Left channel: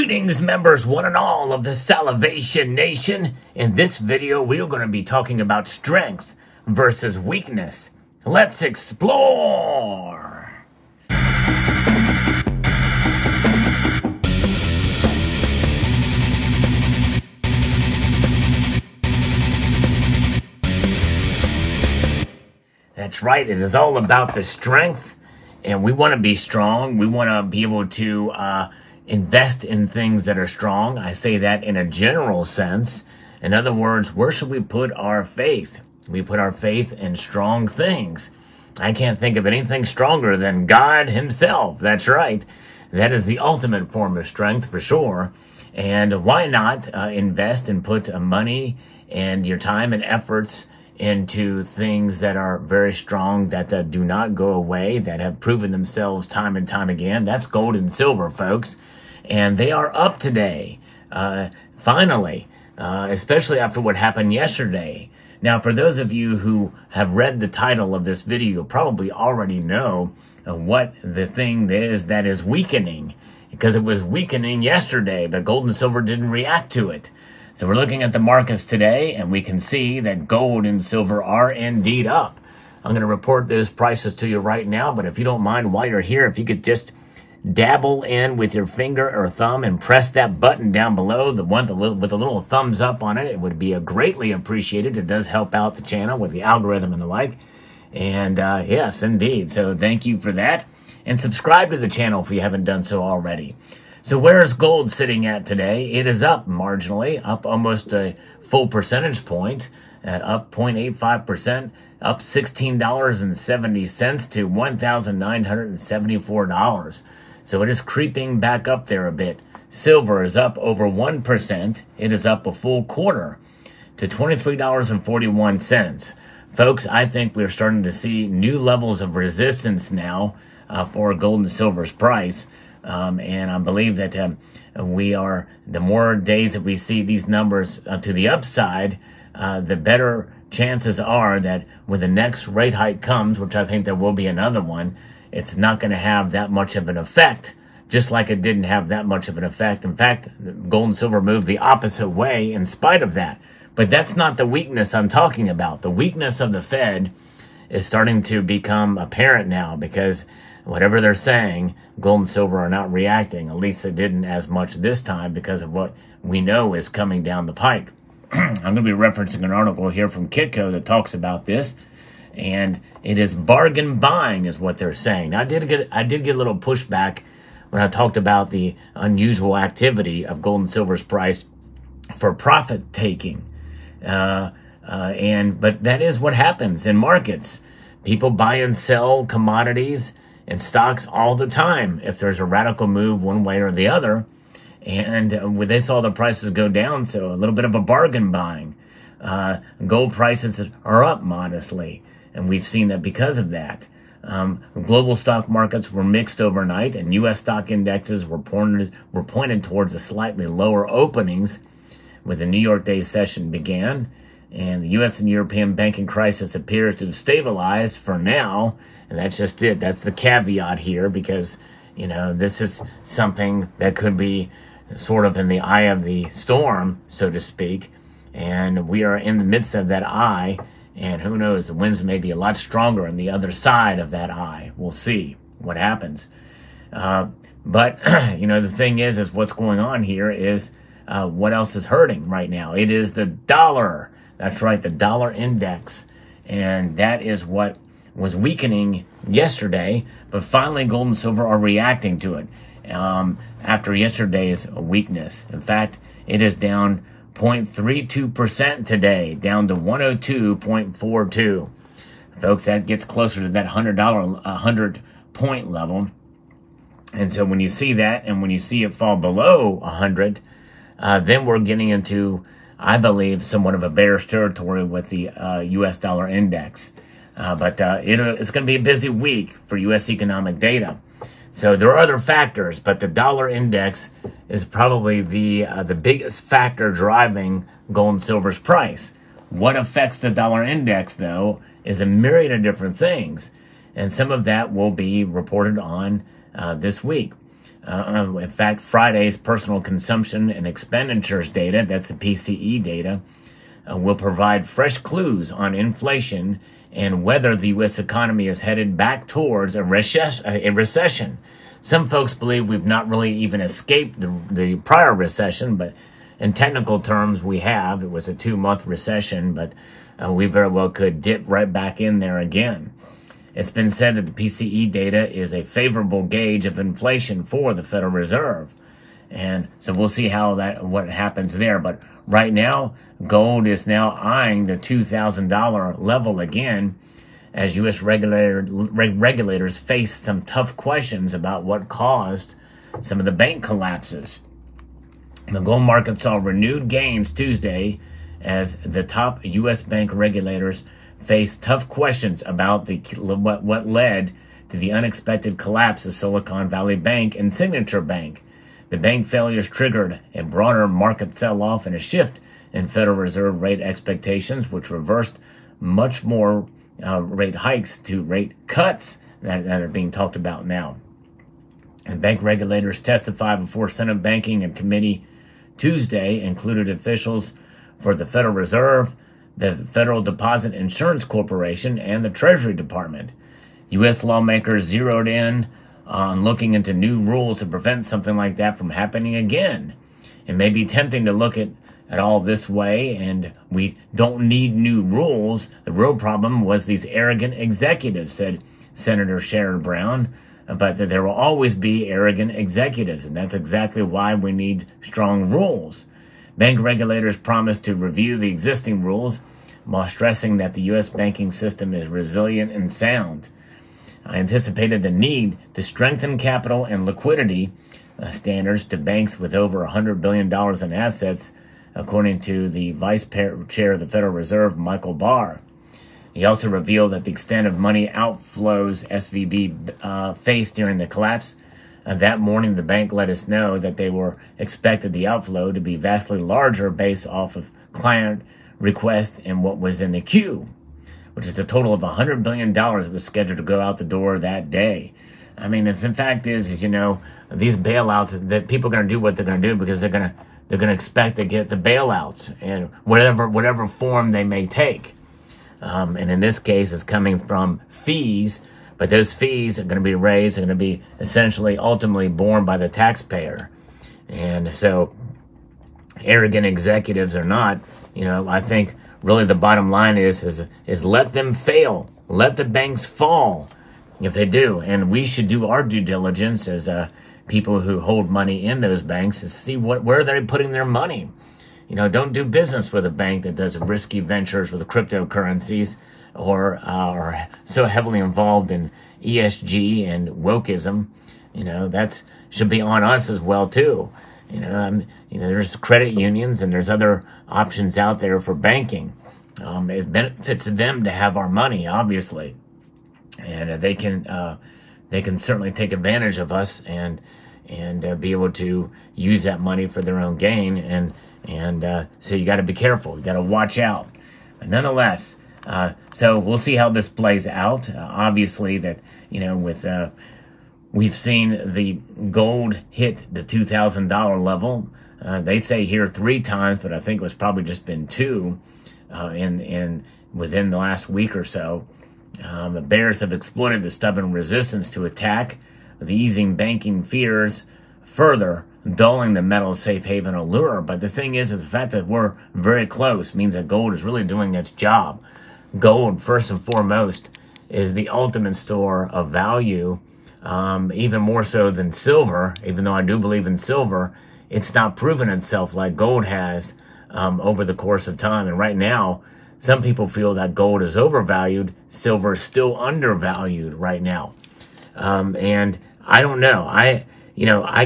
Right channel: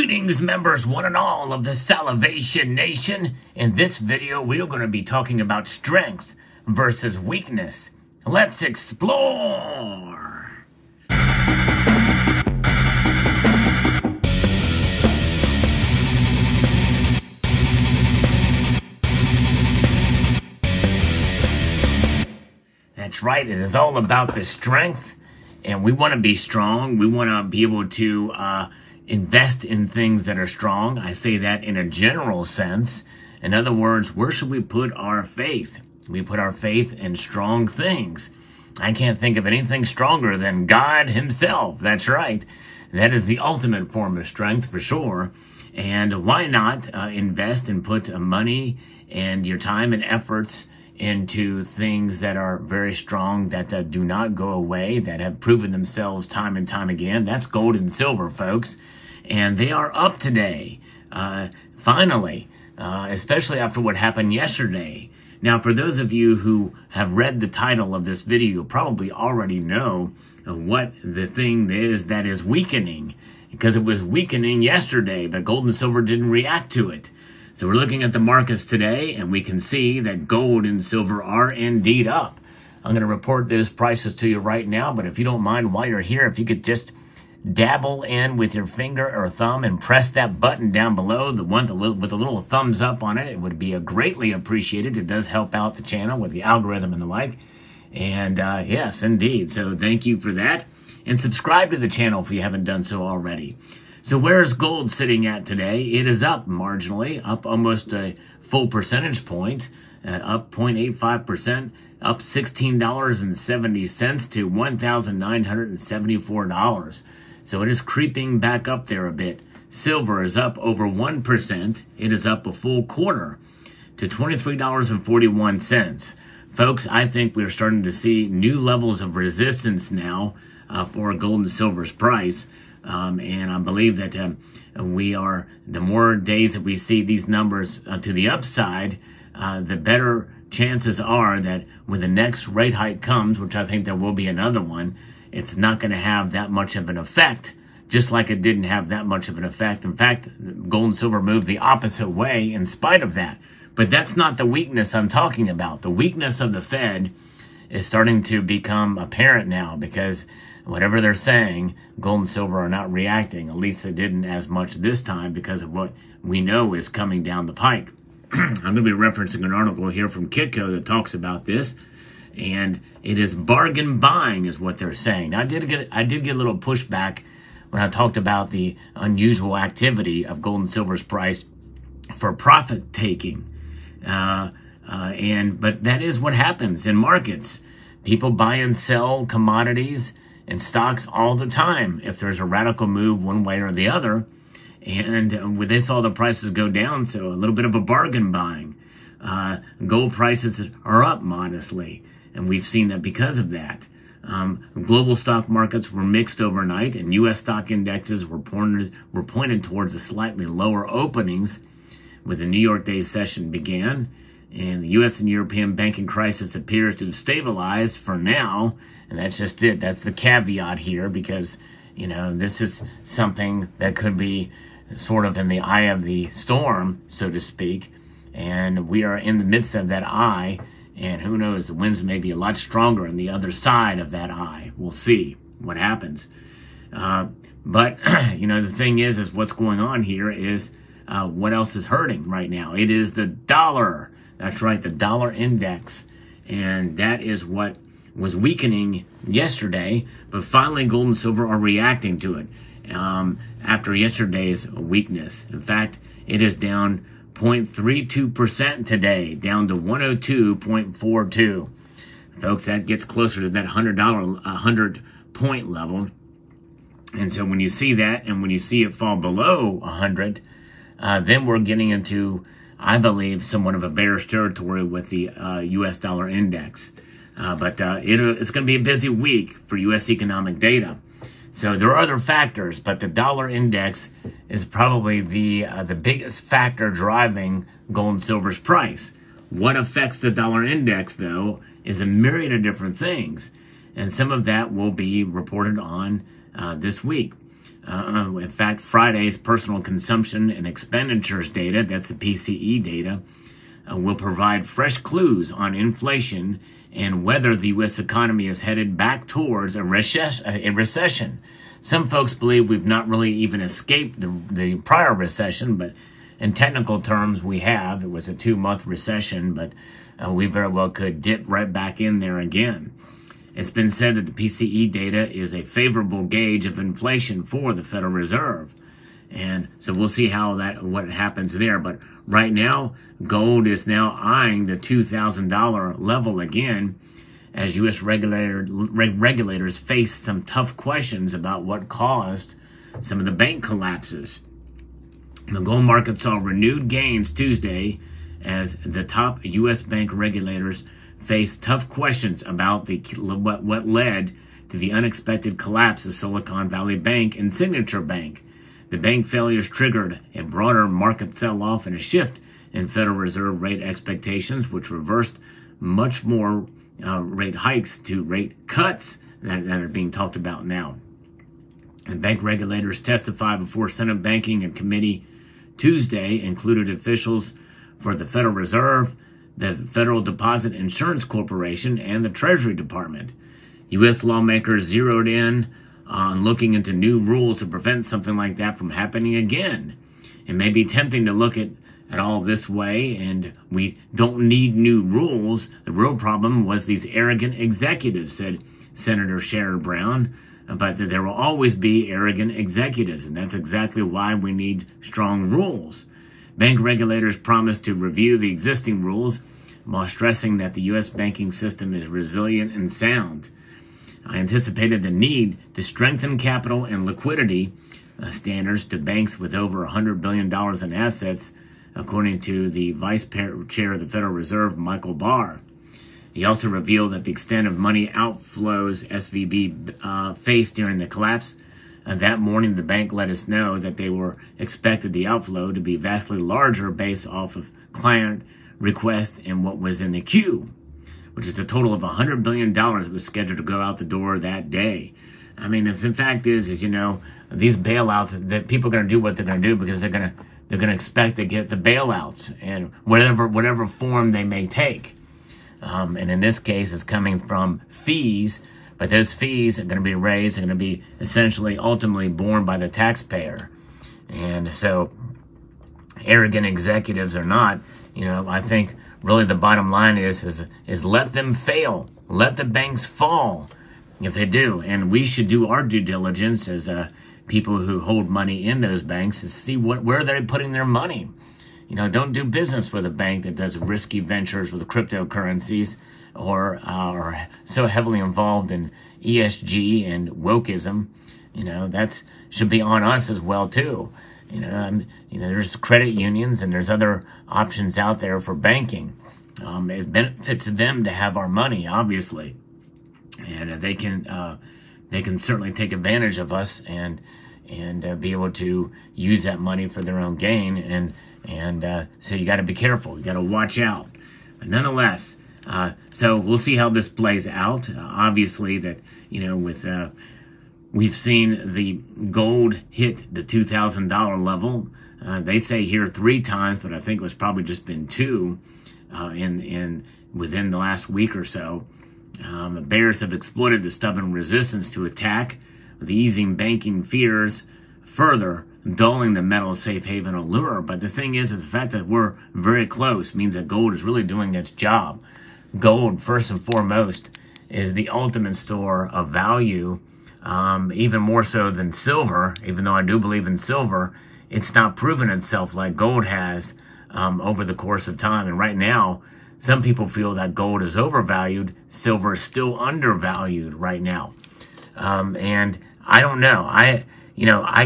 Greetings, members, one and all of the Salivation Nation. In this video, we're going to be talking about strength versus weakness. Let's explore. That's right, it is all about the strength, and we want to be strong. We want to be able to invest in things that are strong. I say that in a general sense. In other words, where should we put our faith? We put our faith in strong things. I can't think of anything stronger than God himself. That's right. That is the ultimate form of strength for sure. And why not invest and put money and your time and efforts into things that are very strong, that do not go away, that have proven themselves time and time again. That's gold and silver, folks. And they are up today, finally, especially after what happened yesterday. Now, for those of you who have read the title of this video, you probably already know what the thing is that is weakening, because it was weakening yesterday, but gold and silver didn't react to it. So we're looking at the markets today, and we can see that gold and silver are indeed up. I'm going to report those prices to you right now, but if you don't mind, while you're here, if you could just dabble in with your finger or thumb and press that button down below, the one with the little thumbs up on it. It would be greatly appreciated. It does help out the channel with the algorithm and the like. And yes, indeed. So thank you for that. And subscribe to the channel if you haven't done so already. So where's gold sitting at today? It is up marginally, up almost a full percentage point, up 0.85%, up $16.70 to $1,974. So it is creeping back up there a bit. Silver is up over 1%. It is up a full quarter to $23.41. Folks, I think we're starting to see new levels of resistance now for gold and silver's price. And I believe that we are, the more days that we see these numbers to the upside, the better chances are that when the next rate hike comes, which I think there will be another one, it's not going to have that much of an effect, just like it didn't have that much of an effect. In fact, gold and silver moved the opposite way in spite of that. But that's not the weakness I'm talking about. The weakness of the Fed is starting to become apparent now, because whatever they're saying, gold and silver are not reacting. At least they didn't as much this time because of what we know is coming down the pike. I'm going to be referencing an article here from Kitco that talks about this, and it is bargain buying is what they're saying. Now, I did get a little pushback when I talked about the unusual activity of gold and silver's price for profit taking. But that is what happens in markets. People buy and sell commodities and stocks all the time if there's a radical move one way or the other. And they saw the prices go down, so a little bit of a bargain buying. Gold prices are up modestly, and we've seen that because of that. Global stock markets were mixed overnight, and U.S. stock indexes were pointed towards a slightly lower openings when the New York Day session began. And the U.S. and European banking crisis appears to have stabilized for now. And that's just it. That's the caveat here, because, you know, this is something that could be sort of in the eye of the storm, so to speak. And we are in the midst of that eye. And who knows, the winds may be a lot stronger on the other side of that eye. We'll see what happens. But, you know, the thing is what's going on here is what else is hurting right now? It is the dollar. That's right, the dollar index. And that is what was weakening yesterday. But finally, gold and silver are reacting to it after yesterday's weakness. In fact, it is down 0.32% today, down to 102.42. Folks, that gets closer to that $100-point level. And so when you see that, and when you see it fall below 100, then we're getting into, I believe, somewhat of a bearish territory with the U.S. dollar index. But it's going to be a busy week for U.S. economic data. So there are other factors, but the dollar index is probably the biggest factor driving gold and silver's price. What affects the dollar index, though, is a myriad of different things. And some of that will be reported on this week. In fact, Friday's personal consumption and expenditures data, that's the PCE data, will provide fresh clues on inflation and whether the U.S. economy is headed back towards a recession. Some folks believe we've not really even escaped the prior recession, but in technical terms, we have. It was a 2-month recession, but we very well could dip right back in there again. It's been said that the PCE data is a favorable gauge of inflation for the Federal Reserve. And so we'll see what happens there. But right now, gold is now eyeing the $2,000 level again as U.S. regulators face some tough questions about what caused some of the bank collapses. The gold market saw renewed gains Tuesday as the top U.S. bank regulators faced tough questions about what led to the unexpected collapse of Silicon Valley Bank and Signature Bank. The bank failures triggered a broader market sell-off and a shift in Federal Reserve rate expectations, which reversed much more rate hikes to rate cuts that are being talked about now. And bank regulators testified before Senate Banking and Committee Tuesday included officials for the Federal Reserve, the Federal Deposit Insurance Corporation, and the Treasury Department. U.S. lawmakers zeroed in on looking into new rules to prevent something like that from happening again. It may be tempting to look at all this way, and we don't need new rules. The real problem was these arrogant executives, said Senator Sherrod Brown, but that there will always be arrogant executives, and that's exactly why we need strong rules. Bank regulators promised to review the existing rules while stressing that the U.S. banking system is resilient and sound. I anticipated the need to strengthen capital and liquidity standards to banks with over $100 billion in assets, according to the Vice Chair of the Federal Reserve, Michael Barr. He also revealed that the extent of money outflows SVB faced during the collapse. That morning, the bank let us know that they expected the outflow to be vastly larger based off of client requests and what was in the queue, which is a total of $100 billion that was scheduled to go out the door that day. I mean, the fact is, you know, these bailouts, that people are going to do what they're going to do because they're going to expect to get the bailouts and whatever form they may take. And in this case, it's coming from fees, but those fees are going to be raised, are going to be essentially ultimately borne by the taxpayer. And so arrogant executives or not, you know, I think really the bottom line is let them fail. Let the banks fall if they do. And we should do our due diligence as people who hold money in those banks to see where they're putting their money. You know, don't do business with a bank that does risky ventures with cryptocurrencies or are so heavily involved in ESG and wokeism. You know, that should be on us as well, too. You know, there's credit unions and there's other options out there for banking. It benefits them to have our money, obviously. And they can certainly take advantage of us and be able to use that money for their own gain. And so you got to be careful. You got to watch out. But nonetheless, so we'll see how this plays out. Obviously, that we've seen the gold hit the $2,000 level. They say here 3 times, but I think it was probably just been 2 within the last week or so. The bears have exploited the stubborn resistance to attack, with easing banking fears further, dulling the metal safe haven allure. But the thing is the fact that we're very close means that gold is really doing its job. Gold, first and foremost, is the ultimate store of value, even more so than silver. Even though I do believe in silver, it's not proven itself like gold has over the course of time. And right now, some people feel that gold is overvalued. Silver is still undervalued right now. And I don't know. I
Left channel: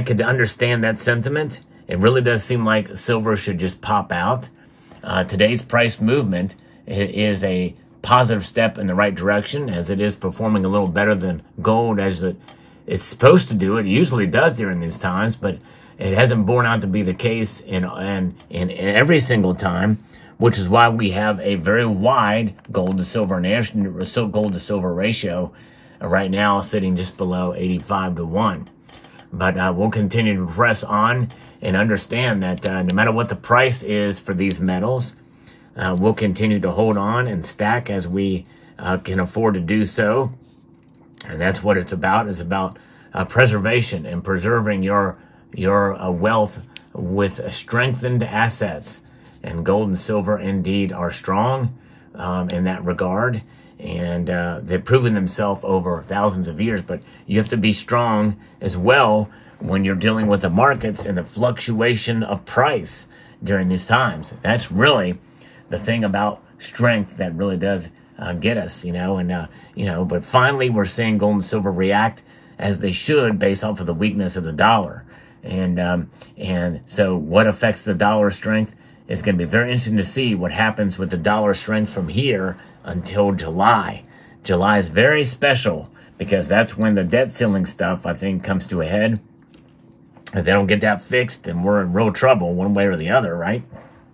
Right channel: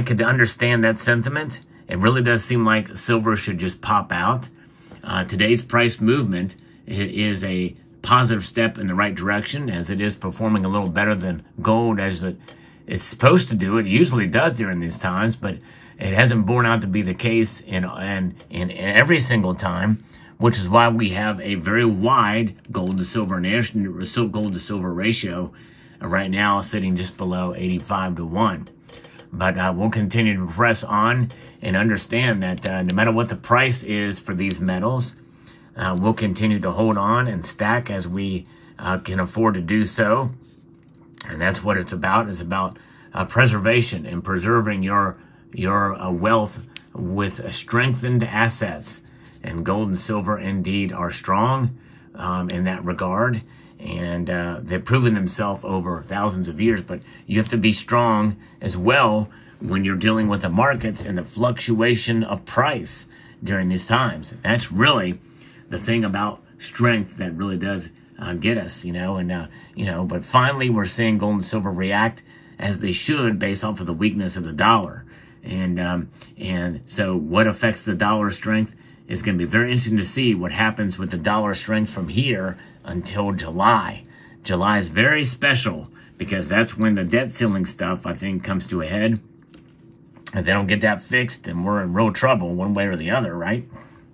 could understand that sentiment. It really does seem like silver should just pop out. Today's price movement is a positive step in the right direction, as it is performing a little better than gold as it's supposed to do. It usually does during these times, but it hasn't borne out to be the case in every single time, which is why we have a very wide gold to silver ratio right now, sitting just below 85 to 1. But we'll continue to press on and understand that no matter what the price is for these metals, we'll continue to hold on and stack as we can afford to do so. And that's what it's about. It's about preservation and preserving your wealth with strengthened assets. And gold and silver indeed are strong in that regard. And they've proven themselves over thousands of years, but you have to be strong as well when you're dealing with the markets and the fluctuation of price during these times. That's really the thing about strength that really does get us, but finally we're seeing gold and silver react as they should based off of the weakness of the dollar. And so what affects the dollar strength is going to be very interesting to see what happens with the dollar strength from here until July. July is very special because that's when the debt ceiling stuff, I think, comes to a head. If they don't get that fixed, then we're in real trouble one way or the other, right?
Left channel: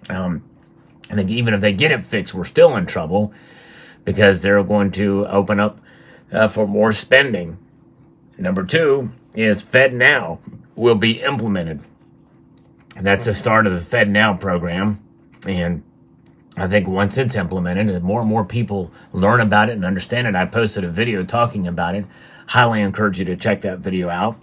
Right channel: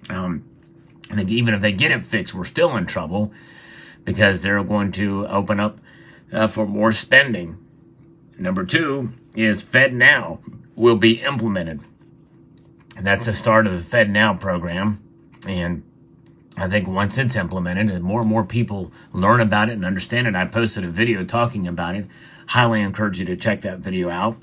I think even if they get it fixed, we're still in trouble because they're going to open up for more spending. Number two is FedNow will be implemented. And that's the start of the FedNow program. And I think once it's implemented and more and more people learn about it and understand it, I posted a video talking about it. Highly encourage you to check that video out.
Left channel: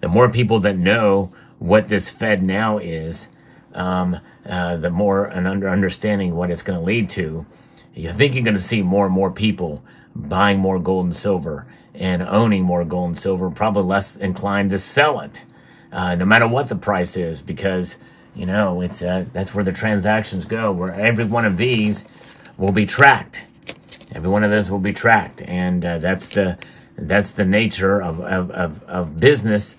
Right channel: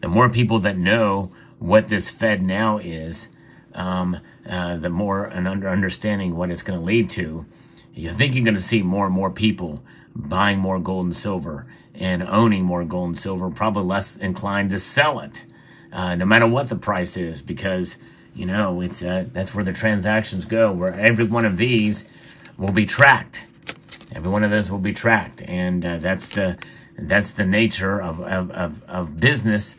The more people that know what this FedNow is, the more an understanding what it's going to lead to. You think you're going to see more and more people buying more gold and silver and owning more gold and silver, probably less inclined to sell it, no matter what the price is, because it's that's where the transactions go, where every one of these will be tracked. Every one of those will be tracked, and that's the nature of business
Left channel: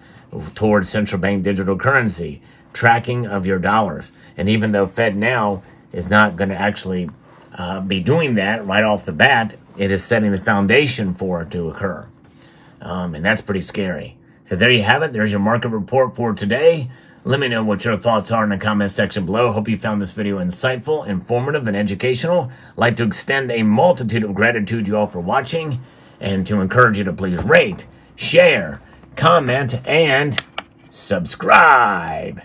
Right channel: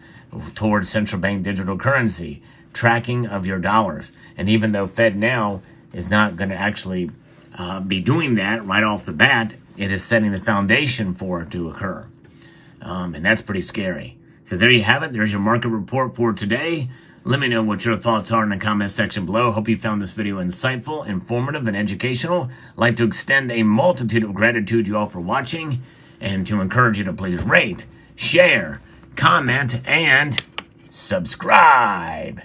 towards central bank digital currency, tracking of your dollars. And even though FedNow is not going to actually be doing that right off the bat, it is setting the foundation for it to occur, and that's pretty scary. So there you have it. There's your market report for today. Let me know what your thoughts are in the comment section below. Hope you found this video insightful, informative, and educational. I'd like to extend a multitude of gratitude to you all for watching and to encourage you to please rate, share, comment, and subscribe.